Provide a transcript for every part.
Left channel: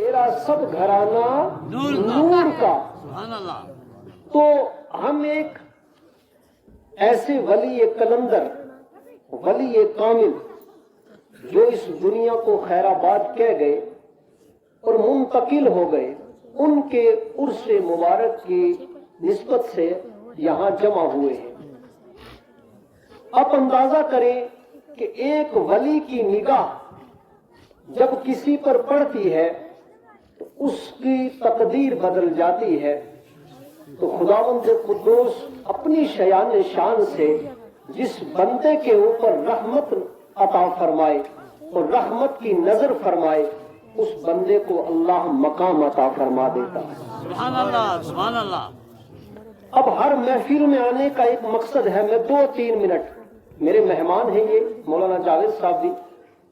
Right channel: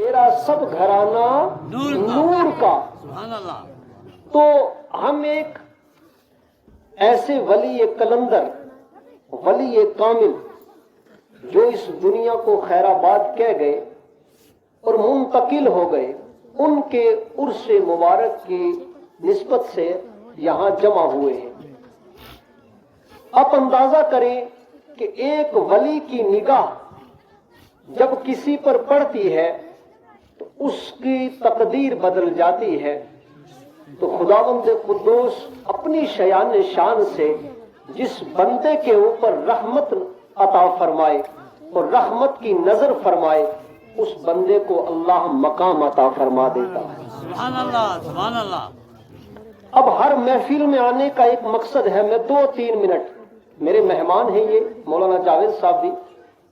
تیرا سب گھرانہ نور کا. تو ہم ایک ایسے ولی کلندر، ولی کامل جو اس دنیا کو خیر آباد کہہ گئے اور منتقل ہو گئے، ان کے عرس مبارک کی نسبت سے یہاں جمع ہوئے ہیں. آپ اندازہ کریں کہ ایک ولی کی نگاہ جب کسی پر پڑتی ہے تو اس کی تقدیر بدل جاتی ہے. تو خداوند قدوس اپنی شیان شان سے جس بندے کے اوپر رحمت عطا فرمائے اور رحمت کی نظر فرمائے، اس بندے کو اللہ مقام عطا فرما دیتا ہے. سبحان اللہ، سبحان اللہ. اب ہر محفل میں آنے کا ایک مقصد ہے. میں 2-3 منٹ، میرے مہمان ہیں یہ مولانا جاوید صاحب بھی،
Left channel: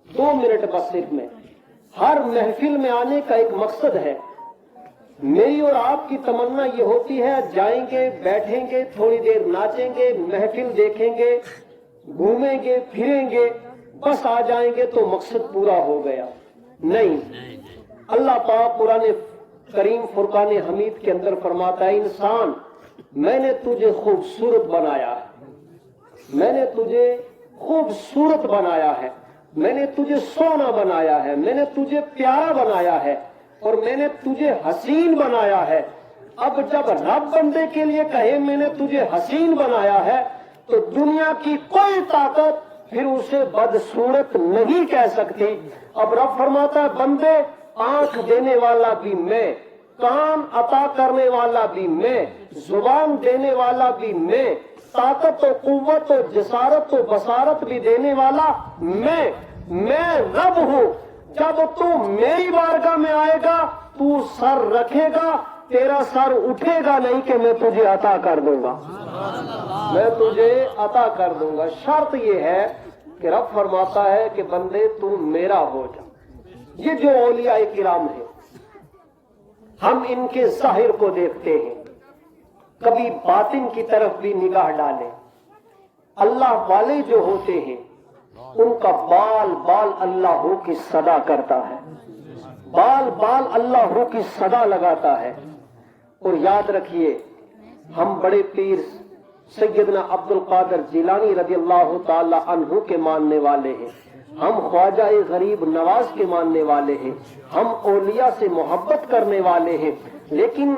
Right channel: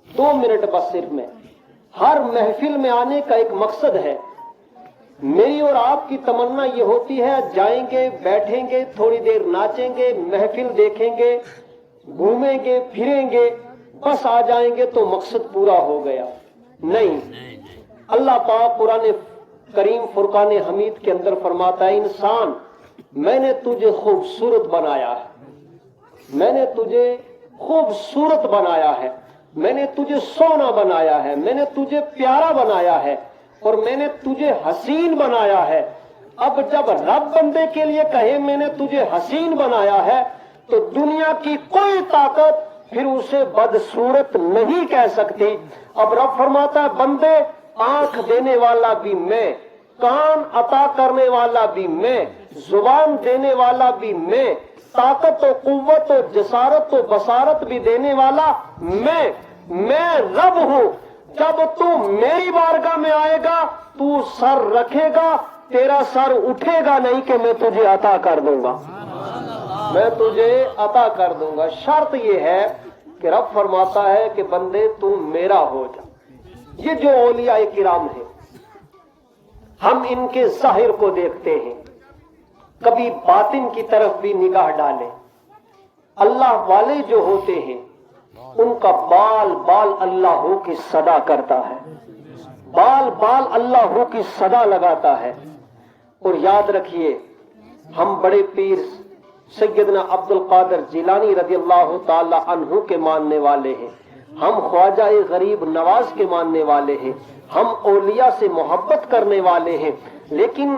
2 منٹ بس صرف میں. ہر محفل میں آنے کا ایک مقصد ہے. میری اور آپ کی تمنا یہ ہوتی ہے جائیں گے، بیٹھیں گے، تھوڑی دیر ناچیں گے، محفل دیکھیں گے، گھومیں گے، پھریں گے، بس آ جائیں گے تو مقصد پورا ہو گیا. نہیں، اللہ پاک قرآن کریم فرقان حمید کے اندر فرماتا ہے، انسان میں نے تجھے خوبصورت بنایا ہے، میں نے تجھے خوبصورت بنایا ہے، میں نے تجھے سونا بنایا ہے، میں نے تجھے پیارا بنایا ہے، اور میں نے تجھے حسین بنایا ہے. اب جب رب بندے کے لیے کہے میں نے تجھے حسین بنایا ہے تو دنیا کی کوئی طاقت پھر اسے بدصورت نہیں کہہ سکتی. اب رب فرماتا ہے بندے، آنکھ دینے والا بھی میں، کان عطا کرنے والا بھی میں، زبان دینے والا بھی میں، طاقت و قوت و جسارت و بصارت بھی دینے والا میں رب ہوں. جب تو میری بارگاہ میں آئے گا تو سر رکھے گا، تیرا سر اٹھے گا نہیں کہ میں تجھے عطا کر دوں گا، میں تجھے عطا کر دوں گا. شرط یہ ہے کہ رب فرماتا ہے کہ بندے تو میرا ہو جا. یہ جو اولیاء کرام ہیں، ہم ان کے ظاہر کو دیکھتے ہیں، کبھی باطن کی طرف بھی نگاہ ڈالیں. اللہ والے جو ہوتے ہیں ان کا بال بال اللہ ہو کی صدا کرتا ہے، بال بال اللہ ہو کی صدا لگاتا ہے. اور یاد رکھیے، ہم بڑے پیر سیدنا عبد القادر جیلانی رضی اللہ تعالی عنہ کے ماننے والے ہیں، ہم خواجہ غریب نواز کے ماننے والے ہیں، ہم اولیاء سے محبت کرنے والے ہیں. لیکن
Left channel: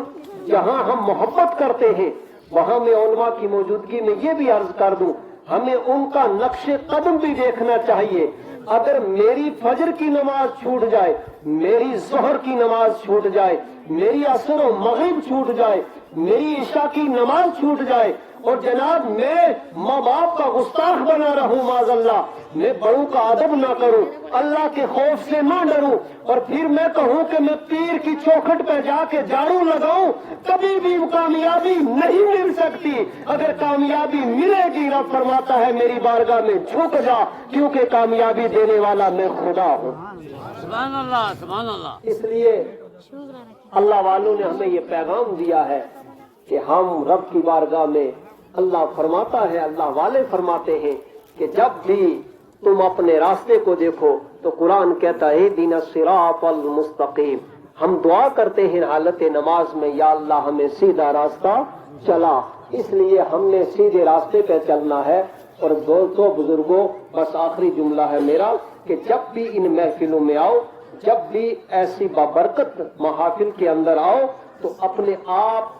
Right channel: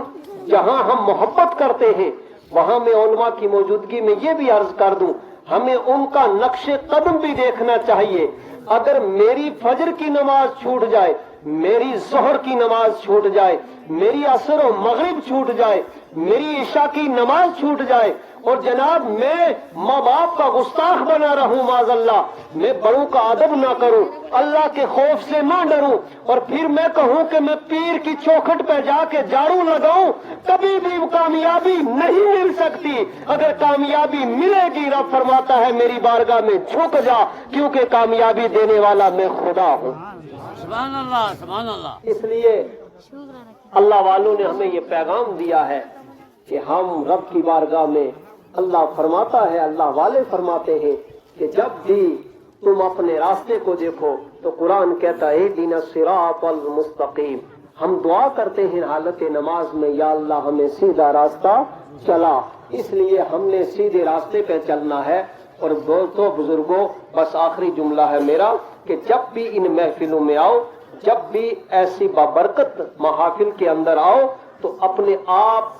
جہاں ہم محبت کرتے ہیں وہاں میں علماء کی موجودگی میں یہ بھی عرض کر دوں، ہمیں ان کا نقش قدم بھی دیکھنا چاہیے. اگر میری فجر کی نماز چھوٹ جائے، میری ظہر کی نماز چھوٹ جائے، میری عصر و مغرب چھوٹ جائے، میری عشاء کی نماز چھوٹ جائے، اور جناب میں ماں باپ کا گستاخ بنا رہوں، معاذ اللہ، میں بڑوں کا ادب نہ کروں، اللہ کے خوف سے نہ ڈروں، اور پھر میں کہوں کہ میں پیر کی چوکھٹ پہ جا کے جھاڑو لگاؤں، کبھی بھی کامیابی نہیں مل سکتی. اگر کامیابی ملے گی، رب فرماتا ہے میری بارگاہ میں جھک جا، کیونکہ کامیابی دینے والا میں خدا ہوں. سبحان اللہ، سبحان اللہ. اس لیے اللہ والوں نے ہمیں یہ پیغام دیا ہے کہ ہم رب کی بارگاہ میں، اللہ فرماتا ہے، اللہ والے فرماتے ہیں کہ جب بھی تم اپنے راستے کو دیکھو تو قرآن کہتا ہے اہدنا الصراط المستقیم. ہم دعا کرتے ہیں حالت نماز میں، یا اللہ ہمیں سیدھا راستہ چلا. اس لیے ہم نے سیدھے راستے پہ چلنا ہے. اور دوستوں، بزرگوں، بس آخری جملہ ہے میرا کہ جب بھی ان محفلوں میں آؤ، جب بھی ایسی بابرکت محافل کے اندر آؤ تو اپنے آپ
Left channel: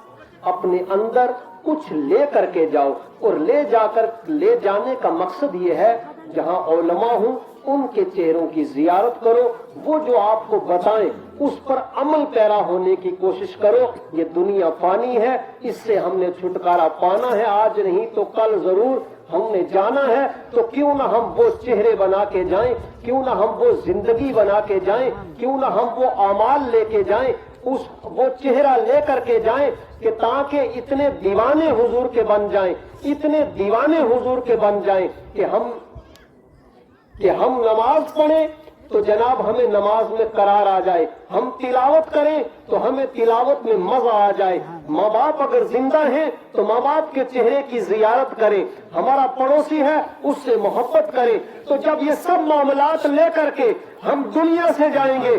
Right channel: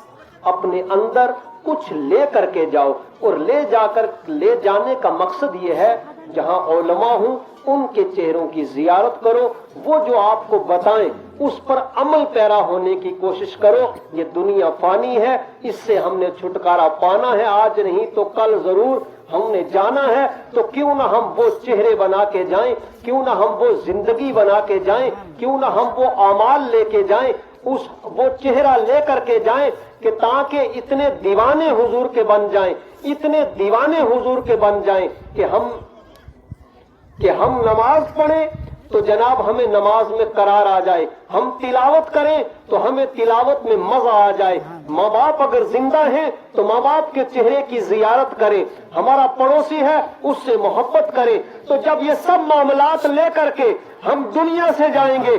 اپنے اندر کچھ لے کر کے جاؤ. اور لے جانے کا مقصد یہ ہے جہاں علماء ہوں ان کے چہروں کی زیارت کرو، وہ جو آپ کو بتائیں اس پر عمل پیرا ہونے کی کوشش کرو. یہ دنیا فانی ہے، اس سے ہم نے چھٹکارا پانا ہے، آج نہیں تو کل ضرور ہم نے جانا ہے. تو کیوں نہ ہم وہ چہرے بنا کے جائیں، کیوں نہ ہم وہ زندگی بنا کے جائیں، کیوں نہ ہم وہ اعمال لے کے جائیں، وہ چہرہ لے کر کے جائیں کہ تاکہ اتنے دیوانے حضور کے بن جائیں، اتنے دیوانے حضور کے بن جائیں کہ ہم نماز پڑھیں تو جناب ہمیں نماز میں قرار آ جائے، ہم تلاوت کریں تو ہمیں تلاوت میں مزہ آ جائے. ماں باپ اگر زندہ ہیں تو ماں باپ کے چہرے کی زیارت کریں، ہمارا پڑوسی ہے اس سے محبت کریں. تو جب یہ سب معاملات لے کر کے ہم دنیا سے جائیں گے،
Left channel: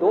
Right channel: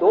2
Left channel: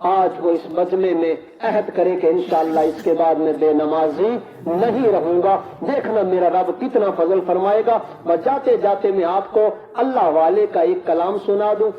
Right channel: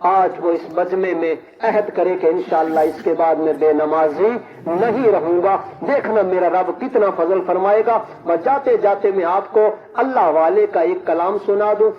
آج وہ اس مجمع میں عہد کرے کہ انشاءاللہ اس کے بعد میں بے نمازی نہیں رہوں گا. دیکھنا میرا رب کتنا فضل فرمائے گا. میں جاتے جاتے میں آپ کو اللہ والے کا ایک کلام سنا دوں.